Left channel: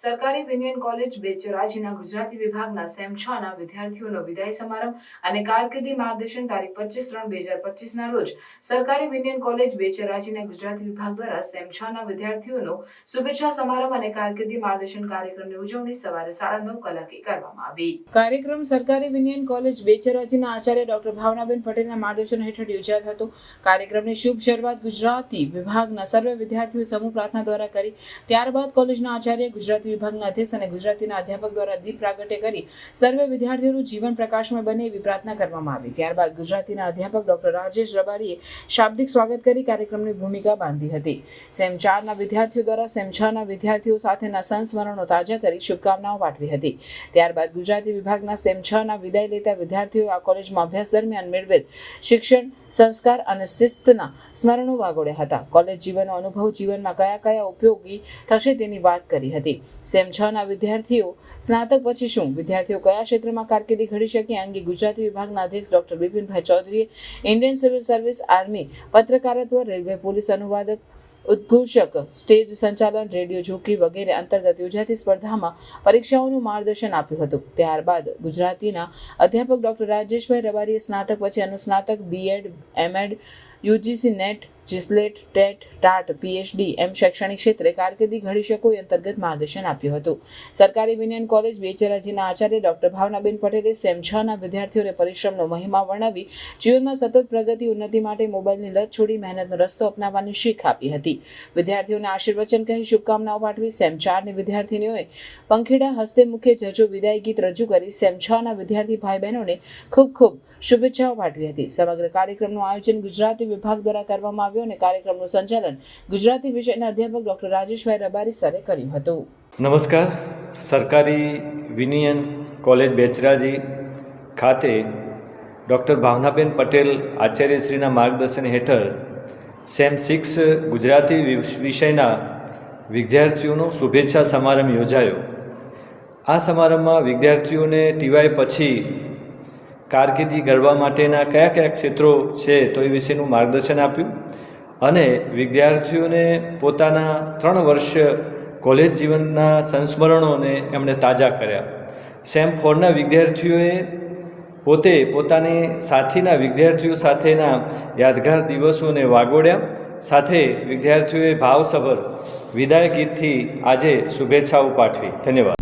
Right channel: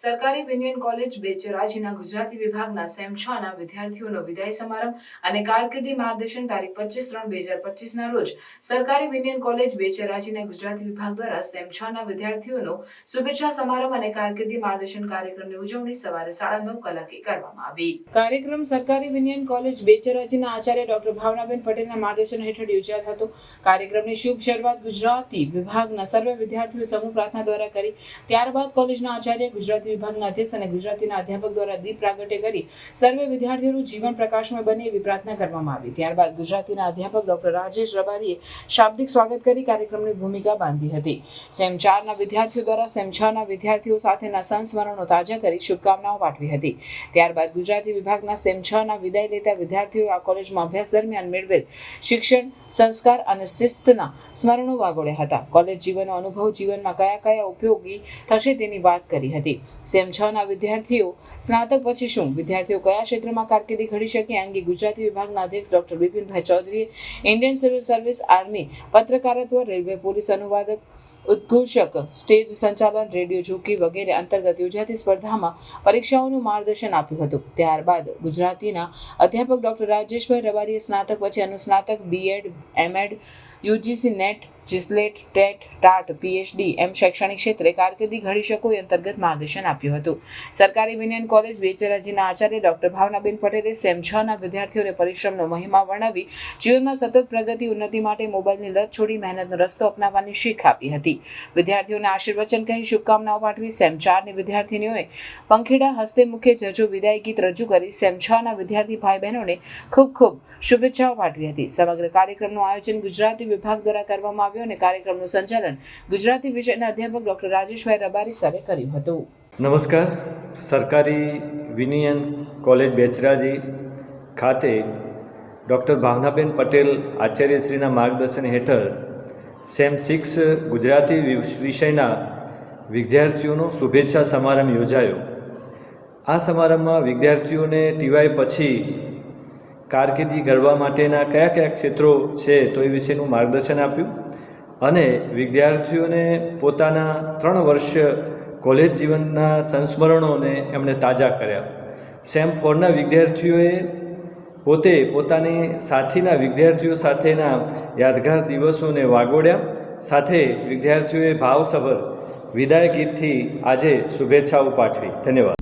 સરકારી વિનિયન કોલેજ બેચરાજીના ગુજરાતી વિભાગના સેમ 6 ના વિદ્યાર્થીઓનો વિદાય સમારંભ અને કારકિર્દી માર્ગદર્શન તારીખ 25/3/2025 ના રોજ સરકારી વિનિયન કોલેજ બેચરાજીના ગુજરાતી વિભાગ દ્વારા સેમ 6 ના વિદ્યાર્થીઓનો શુભેચ્છા સમારંભ અને કારકિર્દી માર્ગદર્શન કાર્યક્રમની ઉજવણી સવારે 9:30 કલાકે કરવામાં આવી। કાર્યક્રમ સરકારી વિનિયન કોલેજ બેચરાજીના આચાર્ય ડોક્ટર ભાવનાબેન પટેલના માર્ગદર્શન હેઠળ યોજાયો હતો। કાર્યક્રમની શુભ શરૂઆત ગુજરાતી વિભાગના સર્વે વિદ્યાર્થીઓ સમૂહ પ્રાર્થના દ્વારા કરી। ત્યારબાદ કોલેજના આચાર્ય, ગુજરાતી વિભાગના અધ્યક્ષ અને ગુજરાતીના અધ્યાપક દ્વારા દીપ પ્રાગટ્ય કરી સર્વે વિદ્યાર્થીઓનું જીવન પ્રકાશમય બને એવી પ્રાર્થના કરવામાં આવી। ત્યારબાદ ગુજરાતીના અધ્યાપક ડોક્ટર રાજેશ રબારીએ શાબ્દિક સ્વાગત કરી કાર્યક્રમની ભૂમિકા બાંધી હતી। સેમ 4 ના વિદ્યાર્થીઓ દ્વારા સેમ 6 ના વિદ્યાર્થીઓ સાથેના સંસ્મરણો તાજા કરી શુભકામનાઓ પાઠવી હતી। ત્યારબાદ ગુજરાતી વિભાગના સેમ 6 ના વિદાય લેતા વિદ્યાર્થીઓએ આ કોલેજમાં અભ્યાસ દરમિયાન મેળવેલ શિક્ષણ, સંસ્કાર અને શિસ્તના સ્મરણો વાગોળ્યા હતા। કોલેજ જીવનનો અનુભવ જીવનમાં કયા ઉપયોગી થશે તેની વાત કરી હતી। સેમ 6 ના વિદ્યાર્થીઓ સ્નાતક પછી શું, વિદ્યાર્થીઓ કયા ક્ષેત્રમાં કારકિર્દી ઘડી શકે અંગે ગુજરાતી વિભાગના અધ્યક્ષ ડોક્ટર બિપિનભાઈ ચૌધરીએ ઇન્ડિયન સિવિલ સર્વિસ, આર્મી, પત્રકારત્વ, રેલવે પોલીસ અનુવાદક, ઉદ્ઘોષક, સ્ટેજ સંચાલન, રેડિયો જોકી વગેરે અંતર્ગત યોજાતી સ્પર્ધામાં પરીક્ષાઓનું માર્ગદર્શન આપ્યું હતું। ત્યારબાદ ગુજરાતીના અધ્યાપક ડોક્ટર રાજેશભાઈ રબારીએ સ્નાતક પછી અનુસ્નાતક, BEd, MEd, UGC NET, GSLET, TET, TAT, PhD એમ શૈક્ષણિક ક્ષેત્રે કારકિર્દી ઘડી શકો એ અંતર્ગત માર્ગદર્શન આપ્યું હતું। સરકારી વિનિયન કોલેજ બેચરાજીના આચાર્ય ડોક્ટર ભાવનાબેન પટેલે સેમ 6 ના વિદ્યાર્થીઓને પરિશ્રમનો મહિમા વર્ણવી જીવનમાં સતત પ્રગતિ, ઉન્નતિ માટે મોબાઈલની લત છોડી મહેનતનો રસ્તો અપનાવવાની શીખ આપી હતી। વિદ્યાર્થીઓને આશીર્વચન કહી શુભકામનાઓ પાઠવી સેમ 4 ની વિદ્યાર્થીનીઓએ પંખીડા હસ્તે મુખે જજો વિદાય ગીત રજૂ કરી સેમ 6 ના વિદ્યાર્થી ભાઈ બહેનોને ખૂબ શુભેચ્છાઓ પાઠવી હતી। સમગ્ર કાર્યક્રમનું આયોજન ગુજરાતી વિભાગ દ્વારા કરવામાં આવ્યું અને કાર્યક્રમનું સંચાલન ગુજરાતી વિષયના અધ્યાપક ડોક્ટર રાજેશભાઈ રબારી સરે કર્યું હતું। નમસ્કાર। સરકારી વિનિયન કોલેજ બેચરાજી ખાતે ડૉક્ટર ભાવનાબેન પટેલ આચાર્યશ્રીના માર્ગદર્શન હેઠળ સેમ 6 ગુજરાતી વિષયના વિદ્યાર્થીઓનો શુભેચ્છા સમારંભ યોજાયો। આ સમારંભમાં વિદ્યાર્થીઓને ટીવાય પછી કારકિર્દી ઘડવા માટેના કયા ક્ષેત્રો છે તો એ વિશેનું માર્ગદર્શન આપ્યું અને વિદ્યાર્થીઓને પોતાના 3 વર્ષ કોલેજ જીવનના સંસ્મરણોને એમણે તાજા કર્યા। સેમ 4ના વિદ્યાર્થીઓએ પોતે પોતાની સાથીના વિદ્યાર્થીઓ સાથેના યાદગાર દિવસોને વાગોળ્યા। સાથે વિદ્યાર્થીઓએ ભાવસભર વિદાય ગીતથી આજે શુભેચ્છાઓ પાઠવી। ધન્યવાદ।